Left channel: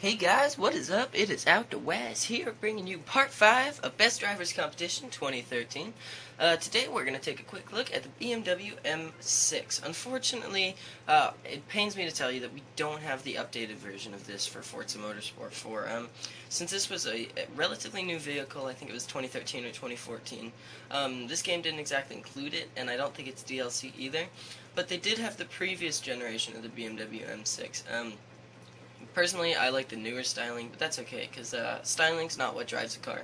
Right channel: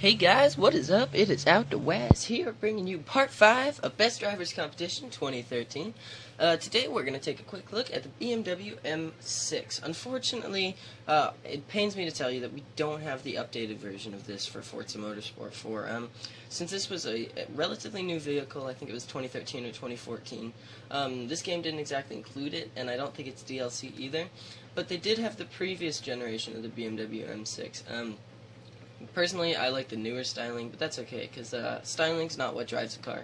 Hey guys, what is up? It is Out the Waz here, bringing you part 5 of Best Drivers Competition 2013. Today we're going to take a quick look at the BMW M6. Unfortunately, it pains me to tell you that we don't have the updated version of this for Forza Motorsport 4. Since this was a relatively new vehicle, I think it was 2013 or 2014, this game didn't exactly include it, and I don't think it's DLC either. But they did have the previous generation of the BMW M6. Personally, I like the newer styling, but that's okay, because styling's not what drives a car.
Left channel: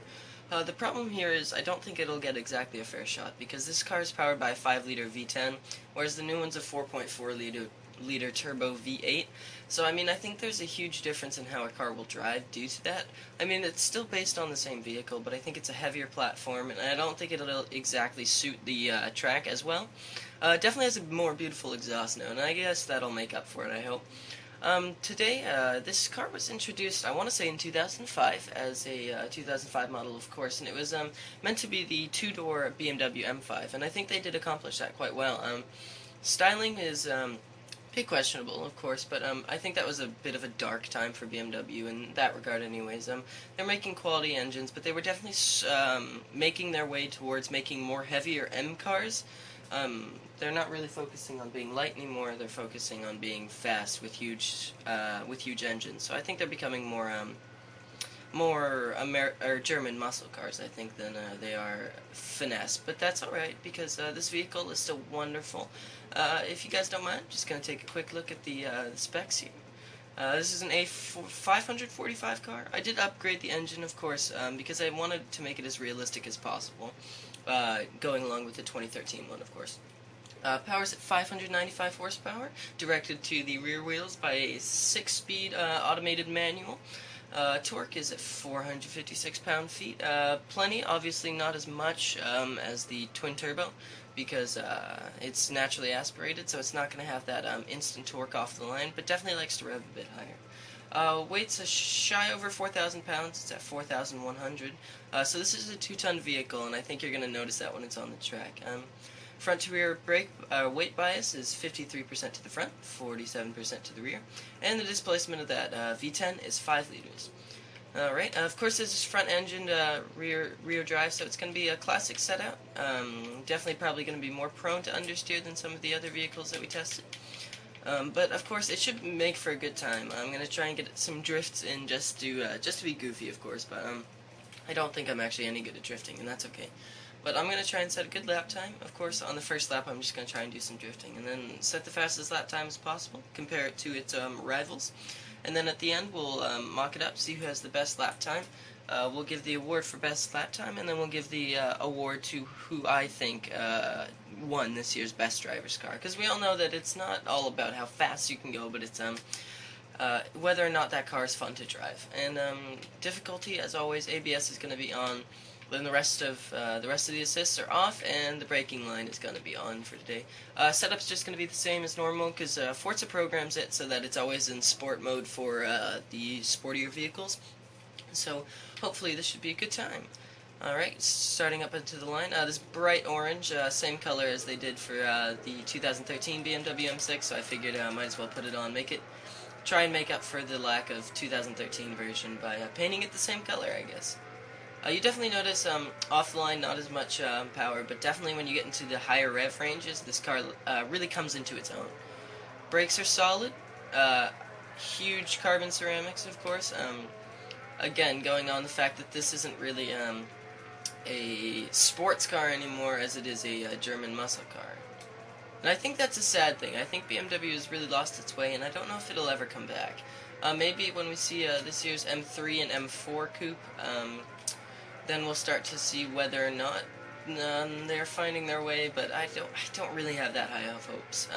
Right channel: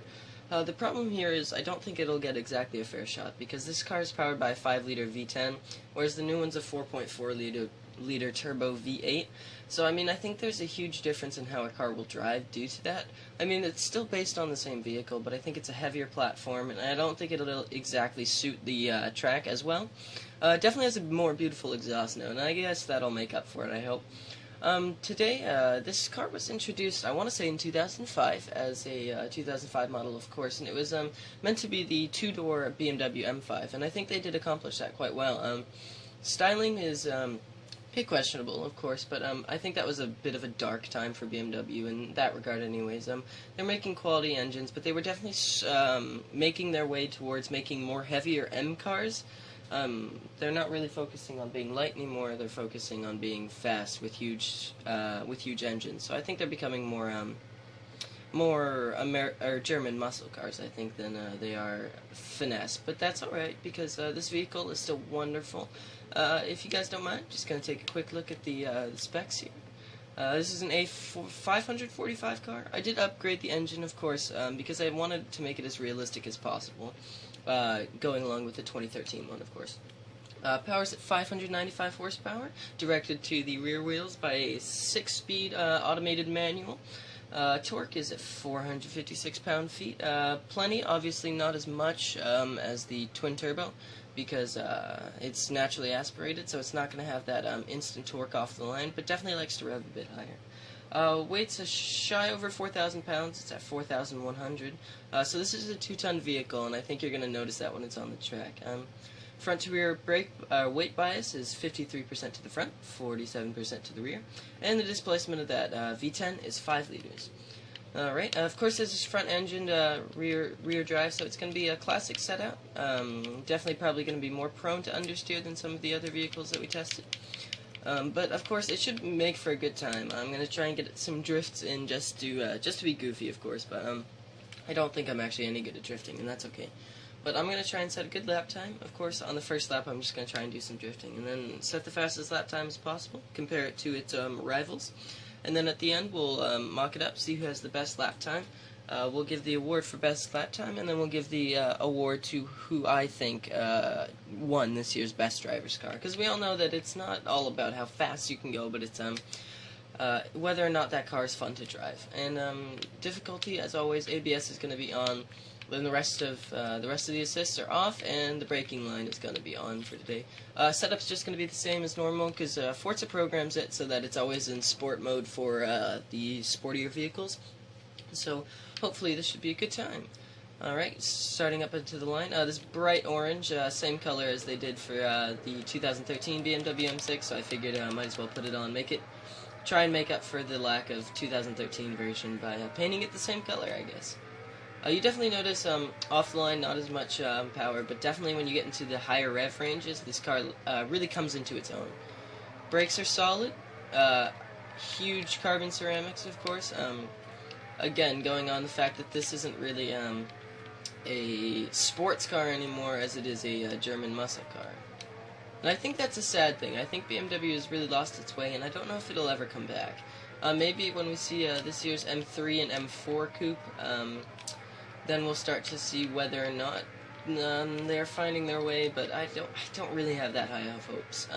The problem here is I don't think it'll get exactly a fair shot, because this car is powered by a 5-liter V10, whereas the new one's a 4.4-liter turbo V8. So, I mean, I think there's a huge difference in how a car will drive due to that. I mean, it's still based on the same vehicle, but I think it's a heavier platform, and I don't think it'll exactly suit the track as well. It definitely has a more beautiful exhaust note, and I guess that'll make up for it, I hope. Today, this car was introduced, I want to say in 2005, as a 2005 model, of course, and it was meant to be the two-door BMW M5, and I think they did accomplish that quite well. Styling is a bit questionable, of course, but I think that was a bit of a dark time for BMW in that regard anyways. They're making quality engines, but they were definitely making their way towards making more heavier M cars. They're not really focusing on being light anymore. They're focusing on being fast with huge engines. So I think they're becoming more German muscle cars, I think, than they are finesse. But that's all right because this vehicle is still wonderful. If you guys don't mind, just gonna take a quick look at the specs here. This is an A545 car. I did upgrade the engine, of course, because I wanted to make it as realistic as possible, going along with the 2013 one, of course. Power's at 595 horsepower, directed to the rear wheels by a 6-speed automated manual. Torque is at 456 pound-feet. Plenty, obviously not as much as the twin-turbo, because it's naturally aspirated, so it's not going to have that instant torque off the line, but definitely likes to rev a bit higher. Weight's a shy over 4,000 pounds. It's at 4,100. So this is a 2-ton vehicle, and I think you're going to notice that when it's on the track. Front to rear brake weight bias is 53% to the front, 47% to the rear, and the displacement of that V10 is 5 liters. Alright, of course this is front-engined rear drive, so it's going to be a classic setup. Definitely probably going to be more prone to understeer than some of the other vehicles that we tested. But of course it should make for a good time. I'm going to try and get some drifts in just to be goofy, of course, but I don't think I'm actually any good at drifting, and that's okay. But I'm going to try and set a good lap time. Of course, on the first lap, I'm just going to try and do some drifting. And then set the fastest lap time as possible, compare it to its rivals. And then at the end, we'll mock it up, see who has the best lap time. We'll give the award for best lap time, and then we'll give the award to who I think won this year's Best Driver's Car. Because we all know that it's not all about how fast you can go, but it's whether or not that car is fun to drive. And difficulty, as always, ABS is going to be on. Then the rest of the assists are off, and the braking line is going to be on for today. Setup's just going to be the same as normal, because Forza programs it so that it's always in sport mode for the sportier vehicles. So hopefully this should be a good time. Alright, starting up into the line. This bright orange, same color as they did for the 2013 BMW M6, so I figured I might as well put it on. Try and make up for the lack of 2013 version by painting it the same color, I guess. You definitely notice off the line not as much power, but definitely when you get into the higher rev ranges, this car really comes into its own. Brakes are solid, huge carbon ceramics, of course. Again, going on the fact that this isn't really a sports car anymore, as it is a German muscle car. And I think that's a sad thing. I think BMW has really lost its way, and I don't know if it'll ever come back. Maybe when we see this year's M3 and M4 coupe, then we'll start to see whether or not they're finding their way, but I don't really have that high of hopes.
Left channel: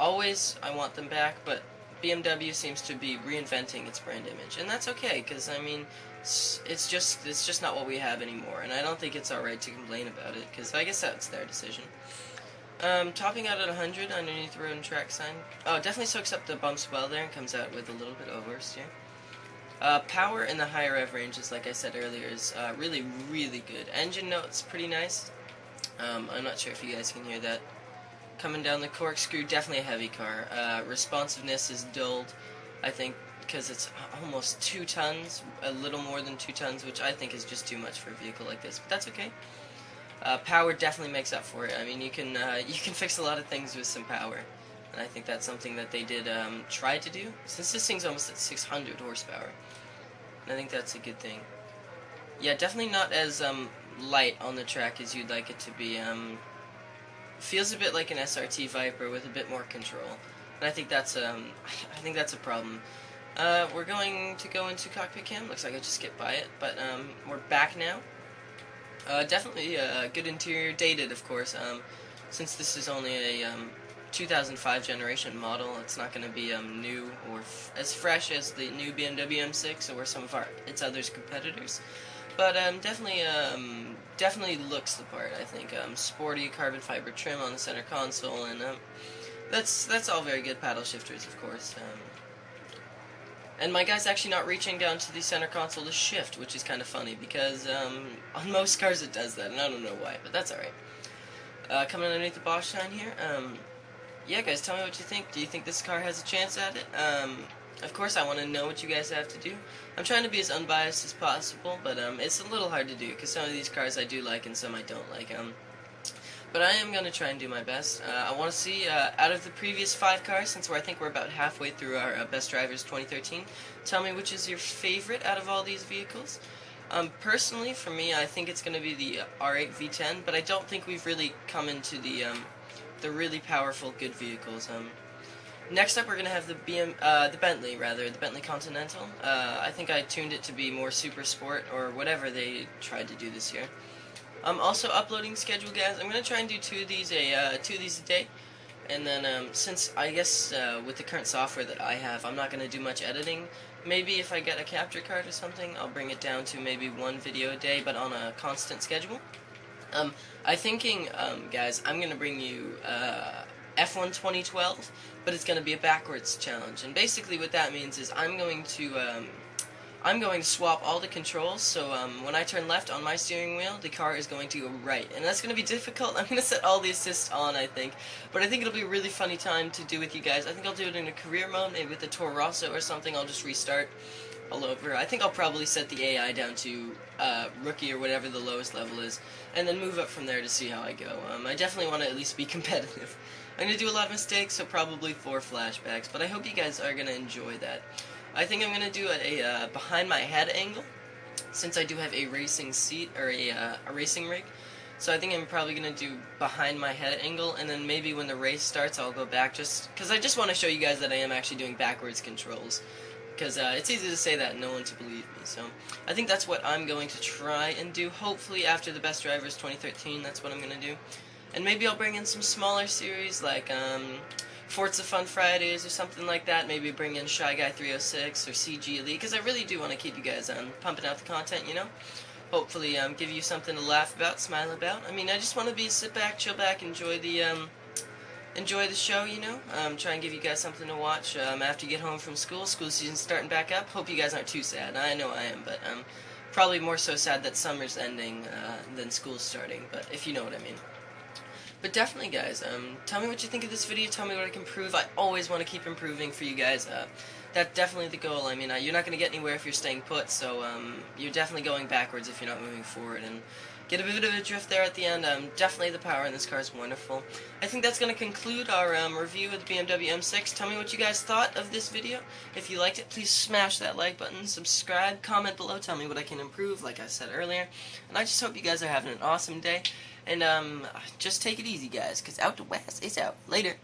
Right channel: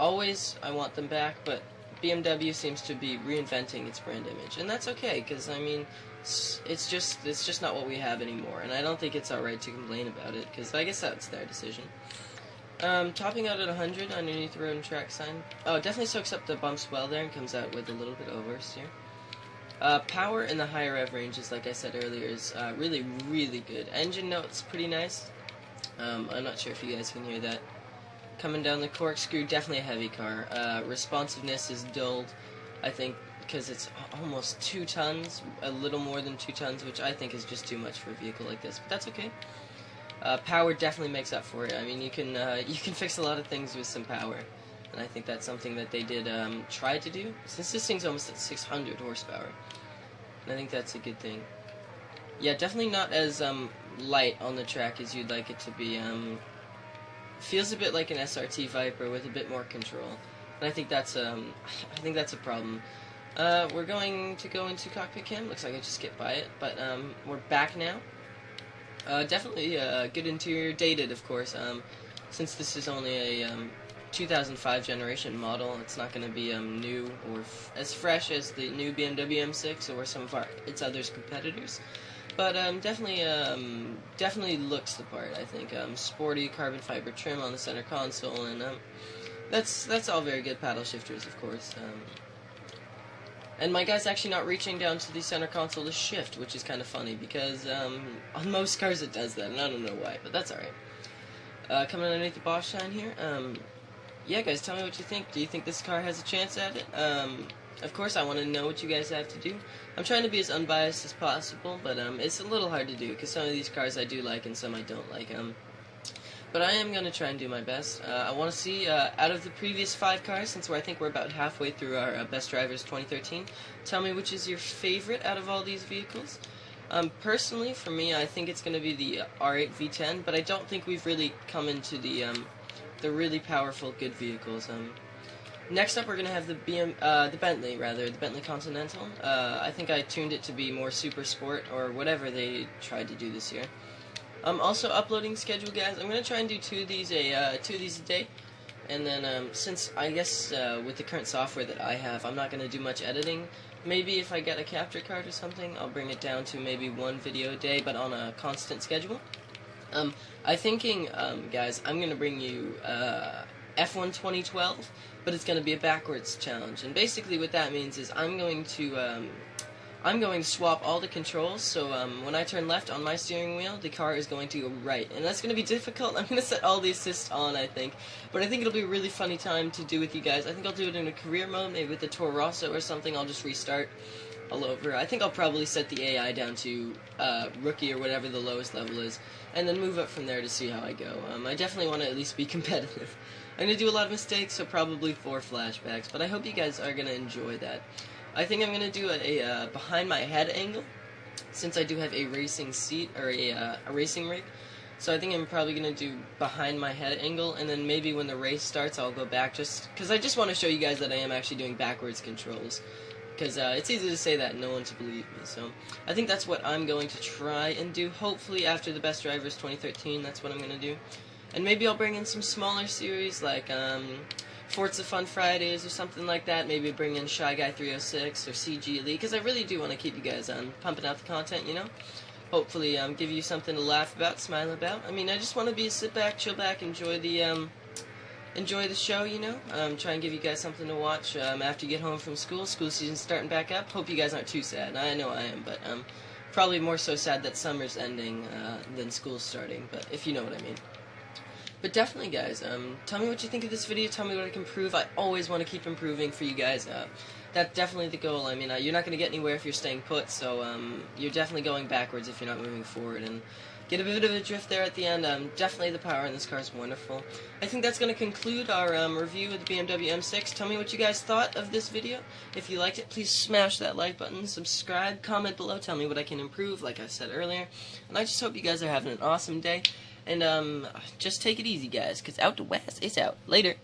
Always, I want them back, but BMW seems to be reinventing its brand image, and that's okay, because, I mean, it's just not what we have anymore, and I don't think it's alright to complain about it, because I guess that's their decision. Topping out at 100 underneath road and track sign. Oh, definitely soaks up the bumps well there and comes out with a little bit of oversteer. Power in the higher rev ranges, like I said earlier, is really, really good. Engine note's pretty nice. I'm not sure if you guys can hear that. Coming down the corkscrew, definitely a heavy car. Responsiveness is dulled. I think because it's almost 2 tons, a little more than 2 tons, which I think is just too much for a vehicle like this, but that's okay. Power definitely makes up for it. I mean, you can fix a lot of things with some power, and I think that's something that they did try to do, since this thing's almost at 600 horsepower, and I think that's a good thing. Yeah, definitely not as light on the track as you'd like it to be. Feels a bit like an SRT Viper with a bit more control, and I think that's a problem. We're going to go into cockpit cam. Looks like I just skipped by it, but we're back now. Definitely good interior, dated of course. Since this is only a 2005 generation model, it's not going to be new or as fresh as the new BMW M6 or some of its other competitors. But definitely looks the part, I think. Sporty carbon fiber trim on the center console, and that's all very good. Paddle shifters, of course. And my guy's actually not reaching down to the center console to shift, which is kind of funny, because on most cars it does that, and I don't know why, but that's alright. Coming underneath the Bosch shine here, yeah guys, tell me what you think. Do you think this car has a chance at it? Of course I want to know what you guys have to do. I'm trying to be as unbiased as possible, but it's a little hard to do, because some of these cars I do like and some I don't like. But I am going to try and do my best. I want to see, out of the previous 5 cars, since I think we're about halfway through our Best Drivers 2013, tell me which is your favorite out of all these vehicles. Personally, for me, I think it's going to be the R8 V10, but I don't think we've really come into the really powerful, good vehicles. Next up, we're going to have the Bentley Continental. I think I tuned it to be more super sport, or whatever they tried to do this year. Also, uploading schedule, guys. I'm going to try and do 2 of these a day. And then, since, I guess, with the current software that I have, I'm not going to do much editing. Maybe if I get a capture card or something, I'll bring it down to maybe 1 video a day, but on a constant schedule. I'm thinking, guys, I'm going to bring you F1 2012, but it's going to be a backwards challenge. And basically what that means is I'm going to swap all the controls, so when I turn left on my steering wheel, the car is going to go right. And that's going to be difficult. I'm going to set all the assists on, I think. But I think it'll be a really funny time to do with you guys. I think I'll do it in a career mode, maybe with the Toro Rosso or something. I'll just restart all over. I think I'll probably set the AI down to rookie or whatever the lowest level is, and then move up from there to see how I go. I definitely want to at least be competitive. I'm going to do a lot of mistakes, so probably 4 flashbacks, but I hope you guys are going to enjoy that. I think I'm going to do a behind my head angle, since I do have a racing seat, or a racing rig. So I think I'm probably going to do behind my head angle, and then maybe when the race starts I'll go back, just because I just want to show you guys that I am actually doing backwards controls. Because it's easy to say that and no one to believe me. So I think that's what I'm going to try and do. Hopefully after the Best Drivers 2013, that's what I'm going to do. And maybe I'll bring in some smaller series like Forza Fun Fridays or something like that. Maybe bring in Shy Guy 306 or CG Elite, because I really do want to keep you guys pumping out the content, you know? Hopefully give you something to laugh about, smile about. I mean, I just want to be sit back, chill back, enjoy the show, you know? Try and give you guys something to watch after you get home from school. School season's starting back up. Hope you guys aren't too sad. I know I am, but probably more so sad that summer's ending than school's starting, but if you know what I mean. But definitely, guys, tell me what you think of this video. Tell me what I can improve. I always want to keep improving for you guys. That's definitely the goal. I mean, you're not going to get anywhere if you're staying put, so you're definitely going backwards if you're not moving forward. And get a bit of a drift there at the end. Definitely the power in this car is wonderful. I think that's going to conclude our review of the BMW M6. Tell me what you guys thought of this video. If you liked it, please smash that like button, subscribe, comment below, tell me what I can improve, like I said earlier. And I just hope you guys are having an awesome day. And just take it easy, guys, because Out to West is out. Later.